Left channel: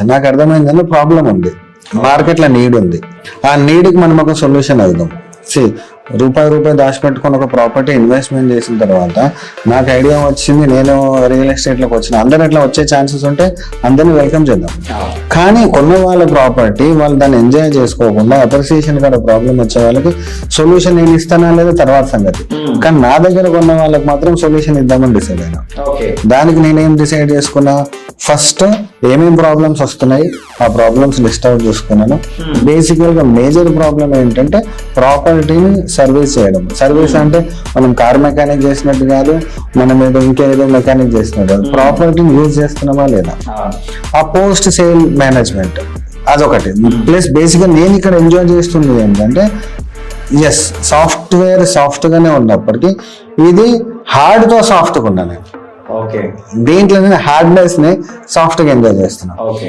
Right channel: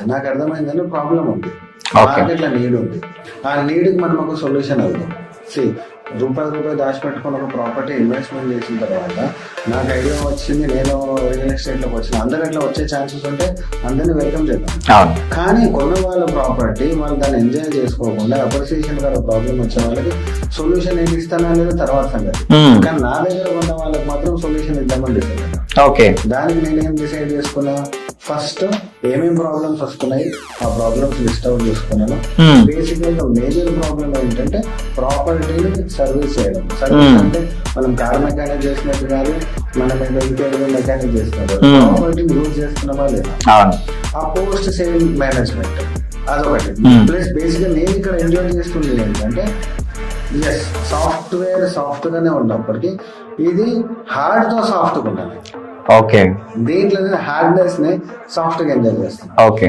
వచ్చాను. నాకు అర్థమైందని ప్రాబ్లం ఉంది, మార్కెట్లో నీడ్ ఉంది. ఆ నీడ్కి మనం ఒక సొల్యూషన్ అవుదాం. రూపాయి దాచిపెట్టుకుని ఒక ప్రాపర్టీ ఇన్వెస్ట్మెంట్ చేసిన తర్వాత నాకు ఐడియా వచ్చింది, నేను రియల్ ఎస్టేట్లోకి వచ్చిన. అందరు ఎట్లా వచ్చే ఛాన్సెస్ ఉంటే అందరినీ వెల్కమ్ చేద్దాం. కానీ కొన్న వాళ్ళ ప్రాపర్టీ వాళ్ళు దాన్ని ఎంజాయ్ చేసుకోకుండా అప్రిసియేషన్ కూడా ప్రాబ్లం వచ్చే వాళ్ళకి సొల్యూషన్ నేను ఇస్తానా లేదా తర్వాత సంగతి. కానీ నా దగ్గర కొన్న వాళ్ళకి మాత్రం సొల్యూషన్ ఇద్దామని డిసైడ్ అయినా. ఓకే, దానికి నేనేం డిసైడ్ చేసుకున్నా, ఫస్ట్ ఏమేం ప్రాబ్లమ్స్ వస్తున్నాయి ఆ ప్రాబ్లమ్స్ లిస్ట్ అవుట్ చేసుకున్నాను. బేసిక్ గా మేజర్ ప్రాబ్లం ఏంటంటే ప్రాపర్టీని సర్వీస్ చేయడం. సర్వీస్ అంటే మనం కార్ మెకానిక్ చేసినట్టు కాదు, మనం ఏదో ఇంకేదో మెకానిక్ చేసినట్టు, ప్రాపర్టీని యూజ్ చేస్తున్నామా లేదా. ఆ పోస్ట్ సేల్ మేనేజ్మెంట్ అదొకటి. ప్లస్ బేసిక్ గా నేను ఇక్కడ ఎంజాయ్ చేస్తుంది ఏంటంటే, ఎస్ సాఫ్ట్వేర్ సాఫ్ట్ గానే ఉన్నప్పటికీ ఇది హార్డ్ తో సాఫ్ట్ గా ఉన్నాను. ఓకే, దీంట్లో హార్డ్నెస్ ని సాఫ్ట్ గా ఎంజాయ్ చేస్తున్నాను. ఓకే.